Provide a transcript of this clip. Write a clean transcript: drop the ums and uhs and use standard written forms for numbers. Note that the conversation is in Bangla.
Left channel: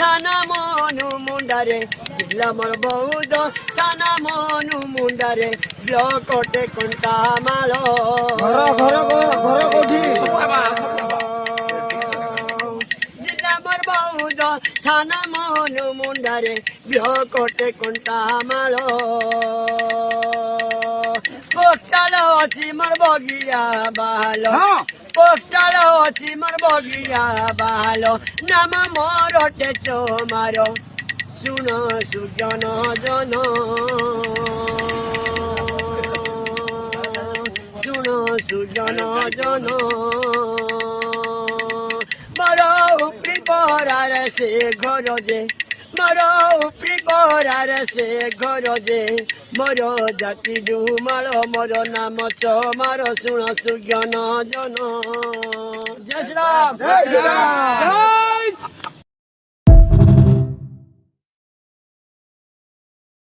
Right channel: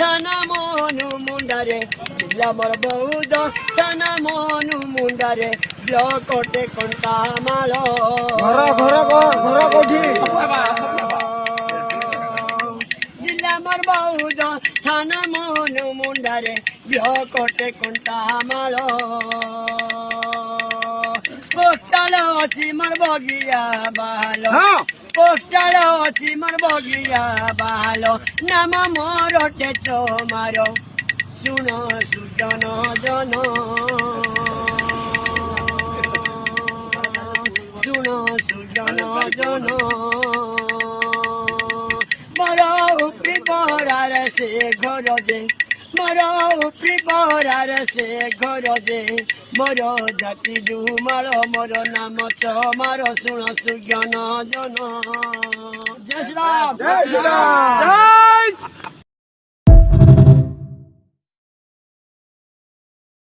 থানা মনু মুন্ডারে জিল্লা মোর বৌদ্ধ থানা মনু মুন্ডারে ব্লকটে কণ্টামাল ঘর কোঠি জিল্লা মোর বৌদ্ধ থানা মনু মুন্ডারে ব্লকটে কণ্টামাল পোস্টাল ଅଛି ମୋର ବଗିଆ ବାହାଲ পোস্টাল ଅଛି ମୋର ବଗିଆ ବାହାଲ ନାମ ମୋର ଟେଚ ମାର ଶୁଣ ସୁଜନ ଜନ ଶୁଣ ସୁଜନ ଜନ ମୋର ଉପରି ପରାରେ ସେ ଘର ଯେ ମୋର ଉପରି ପରାରେ ସେ ଘର ଯେ ମୋର ଜାତି ଡୁମାଳ ମୋର ନାମ ଚମାର ଶୁଣ ସୁଜ୍ଞାନ ଜନ ଜୟ ଶ୍ରୀରାମ জয় শ্রীরাম।